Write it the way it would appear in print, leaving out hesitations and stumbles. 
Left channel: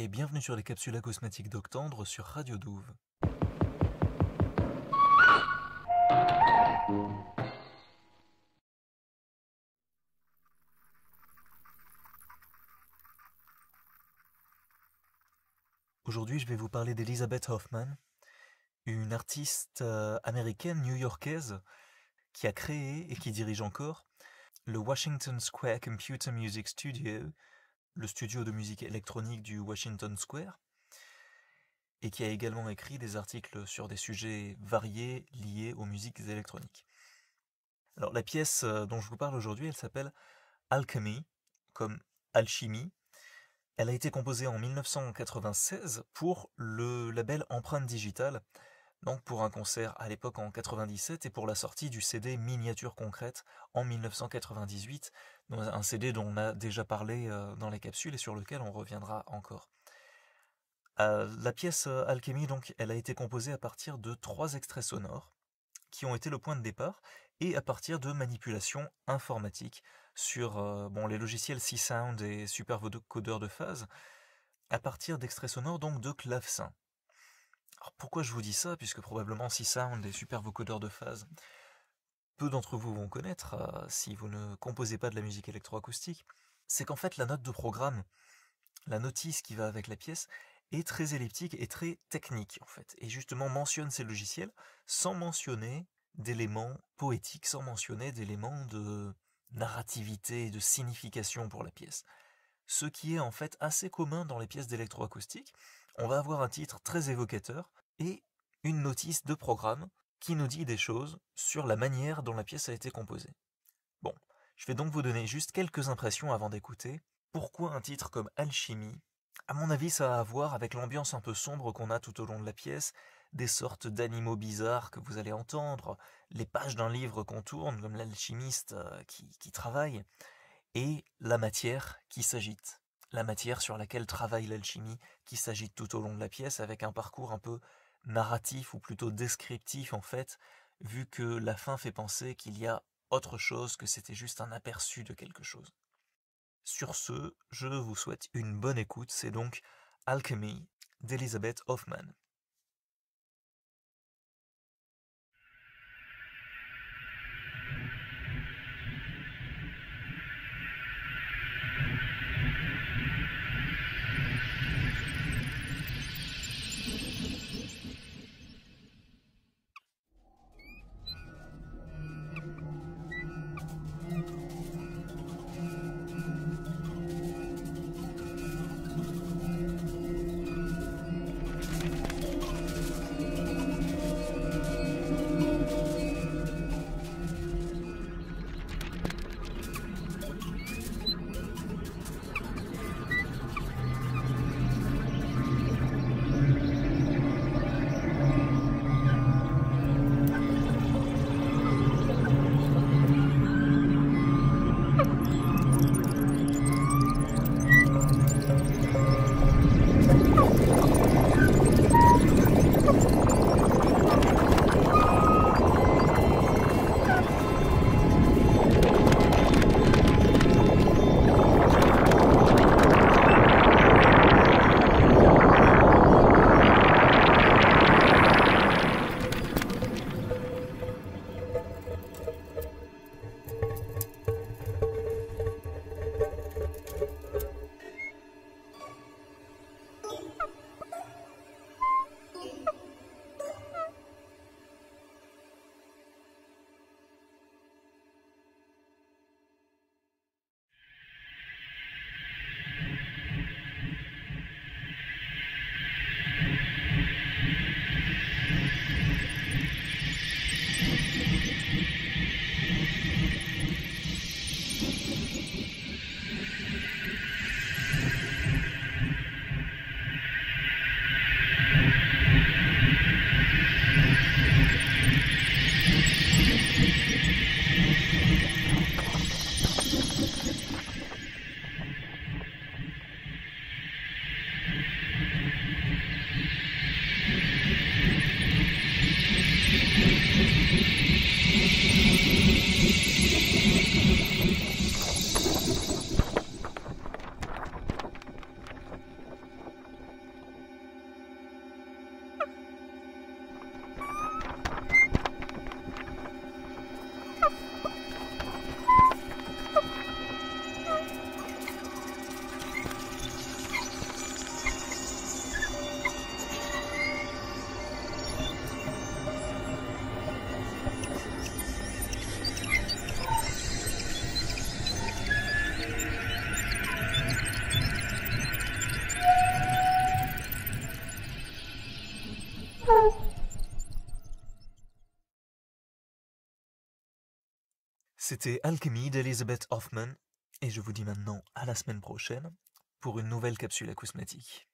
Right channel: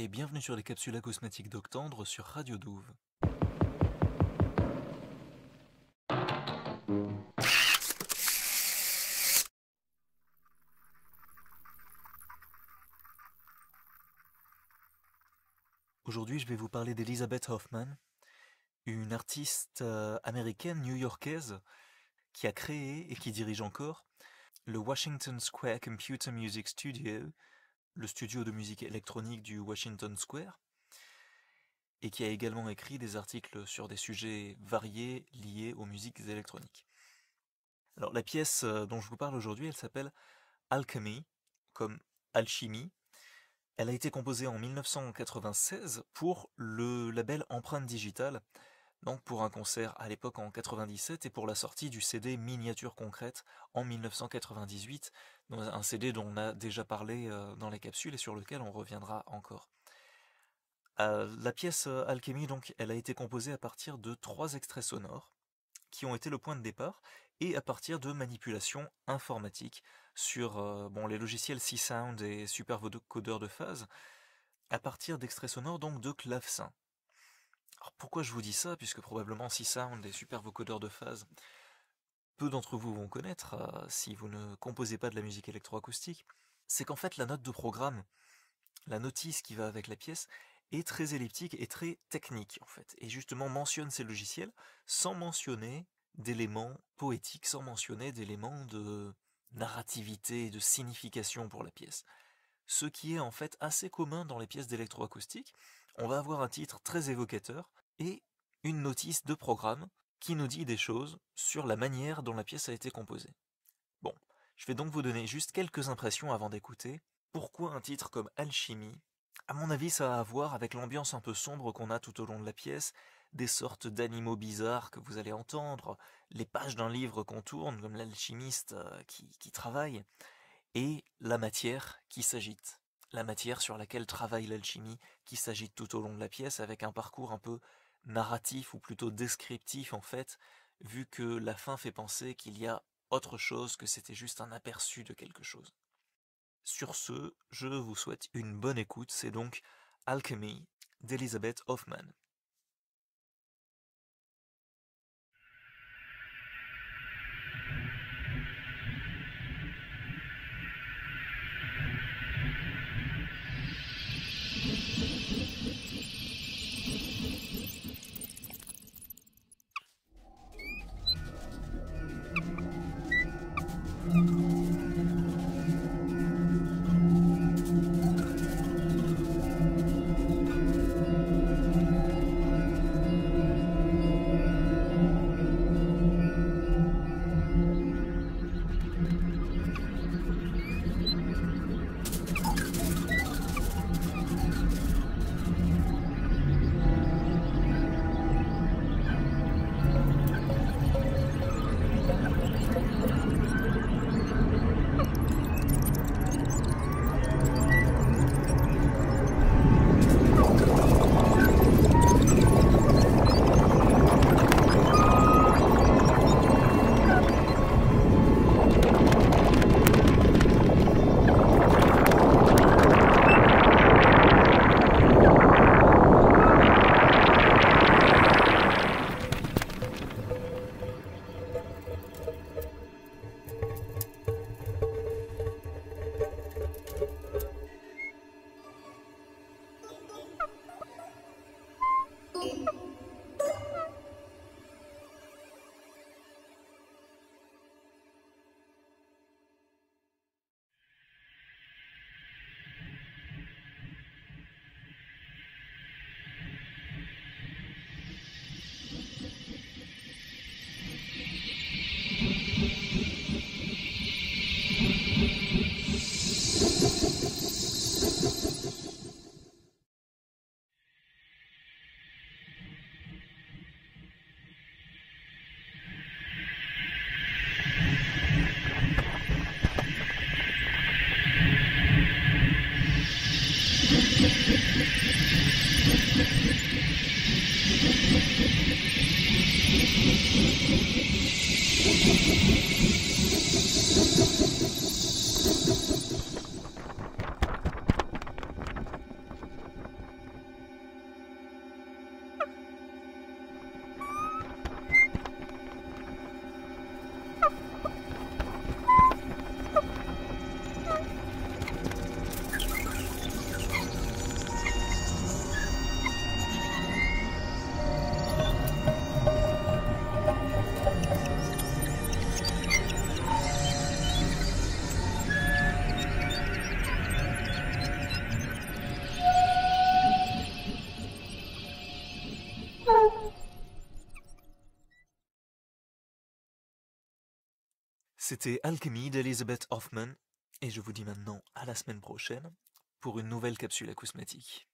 Et bienvenue sur les capsules acousmatiques d'Octandre sur Radio Douve. Aujourd'hui, je vais vous parler d'Elizabeth Hoffman, une artiste américaine new-yorkaise qui a créé et qui dirige encore le Washington Square Computer Music Studio, le studio de musique électronique du Washington Square, et qui a également écrit des articles sur des sujets variés liés aux musiques électroniques. Alors la pièce dont je vous parle aujourd'hui, elle s'appelle Alchemy, comme alchimie. Elle a été composée en 1996 pour le label Empreinte Digitale, donc pour un concert à l'époque en 97 et pour la sortie du CD Miniature Concrète en 1998, un CD dont on a déjà parlé dans les capsules et sur lequel on reviendra encore. La pièce Alchemy, donc, elle a été composée à partir de 3 extraits sonores qui ont été le point de départ et à partir de manipulations informatiques sur les logiciels C-Sound et Super Vocodeur de phase, à partir d'extraits sonores donc de clavecin. Alors pourquoi je vous dis ça, puisque probablement C-Sound et Super Vocodeur de phase, peu d'entre vous vont connaître si vous ne composez pas de la musique électroacoustique, c'est qu'en fait la note de programme, la notice qui va avec la pièce, est très elliptique et très technique en fait, et justement mentionne ces logiciels sans mentionner d'éléments poétiques, sans mentionner d'éléments de narrativité et de signification pour la pièce. Ce qui est en fait assez commun dans les pièces d'électroacoustique. On va avoir un titre très évocateur et une notice de programme qui nous dit des choses sur la manière dont la pièce a été composée. Bon, je vais donc vous donner juste quelques impressions avant d'écouter. Pourquoi un titre comme Alchimie ? À mon avis, ça a à voir avec l'ambiance un peu sombre qu'on a tout au long de la pièce, des sortes d'animaux bizarres que vous allez entendre, les pages d'un livre qu'on tourne, comme l'alchimiste qui travaille, et la matière qui s'agite. La matière sur laquelle travaille l'alchimie qui s'agite tout au long de la pièce avec un parcours un peu narratif ou plutôt descriptif en fait, vu que la fin fait penser qu'il y a autre chose, que c'était juste un aperçu de quelque chose. Sur ce, je vous souhaite une bonne écoute, c'est donc Alchemy d'Elizabeth Hoffman. C'était Alchemy d'Elizabeth Hoffman, et je vous dis maintenant à la semaine prochaine pour une nouvelle capsule acousmatique.